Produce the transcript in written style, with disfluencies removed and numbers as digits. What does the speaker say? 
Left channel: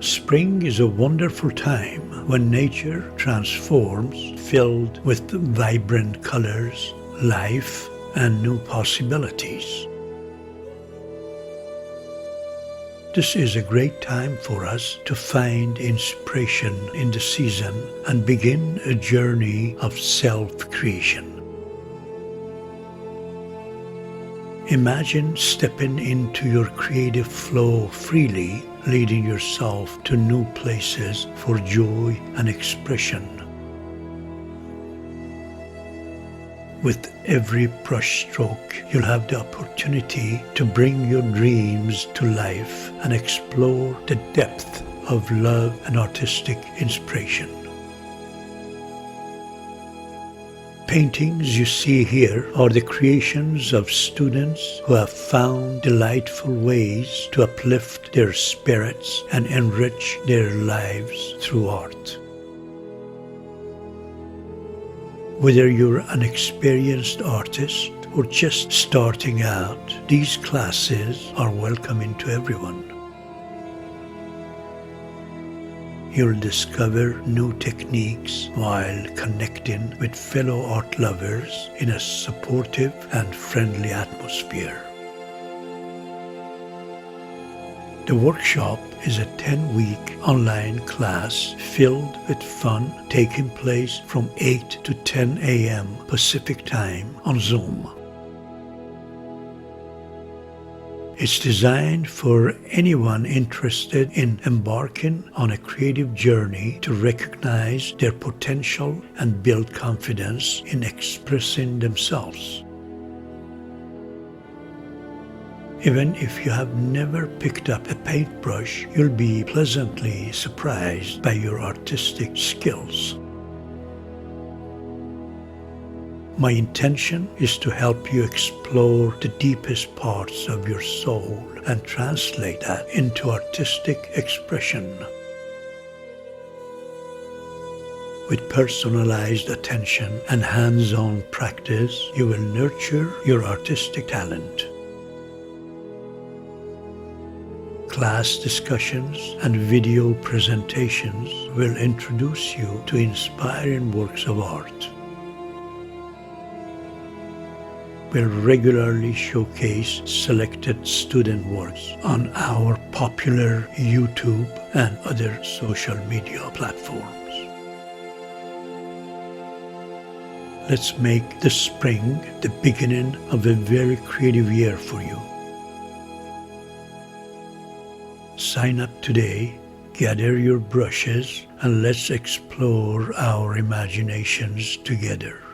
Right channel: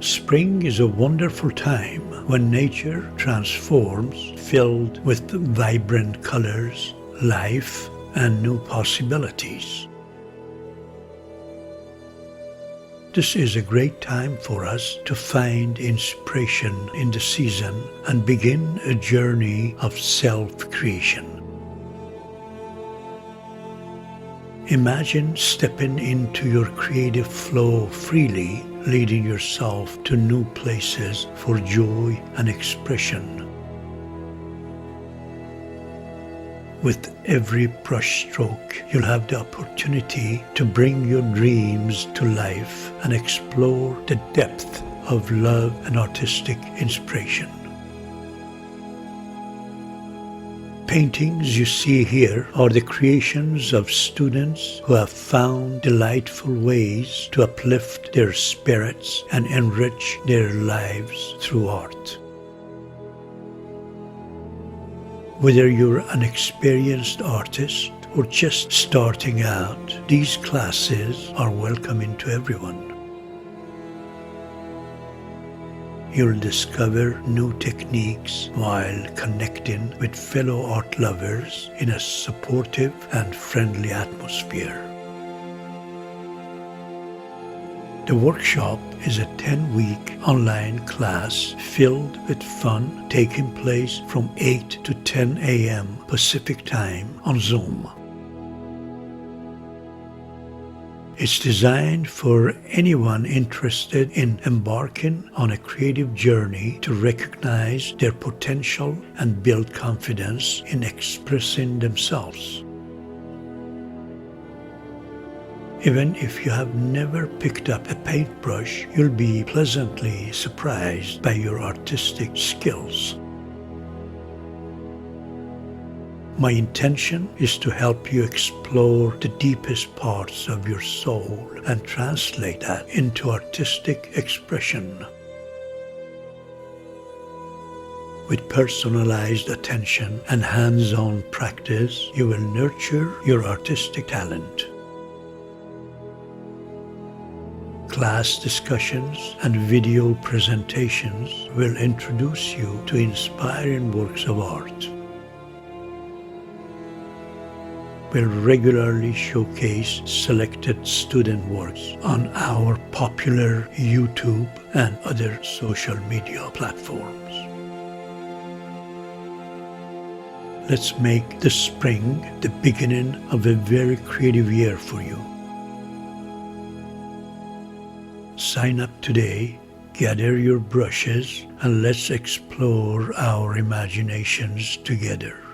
Spring is a wonderful time when nature transforms, filled with vibrant colors, life, and new possibilities. This is a great time for us to find inspiration in the season and begin a journey of self-creation. Imagine stepping into your creative flow freely, leading yourself to new places for joy and expression. With every brushstroke, you'll have the opportunity to bring your dreams to life and explore the depth of love and artistic inspiration. Paintings you see here are the creations of students who have found delightful ways to uplift their spirits and enrich their lives through art. Whether you're an experienced artist or just starting out, these classes are welcoming to everyone. You'll discover new techniques while connecting with fellow art lovers in a supportive and friendly atmosphere. The workshop is a 10-week online class filled with fun taking place from 8 to 10 a.m. Pacific Time on Zoom. It's designed for anyone interested in embarking on a creative journey to recognize their potential and build confidence in expressing themselves. Even if you have never picked up a paintbrush, you'll be pleasantly surprised by your artistic skills. My intention is to help you explore the deepest parts of your soul and translate that into artistic expression. With personalized attention and hands-on practice, you will nurture your artistic talent. Class discussions and video presentations will introduce you to inspiring works of art. We'll regularly showcase selected student works on our popular YouTube and other social media platforms. Let's make the spring the beginning of a very creative year for you. Sign up today, gather your brushes, and let's explore our imaginations together.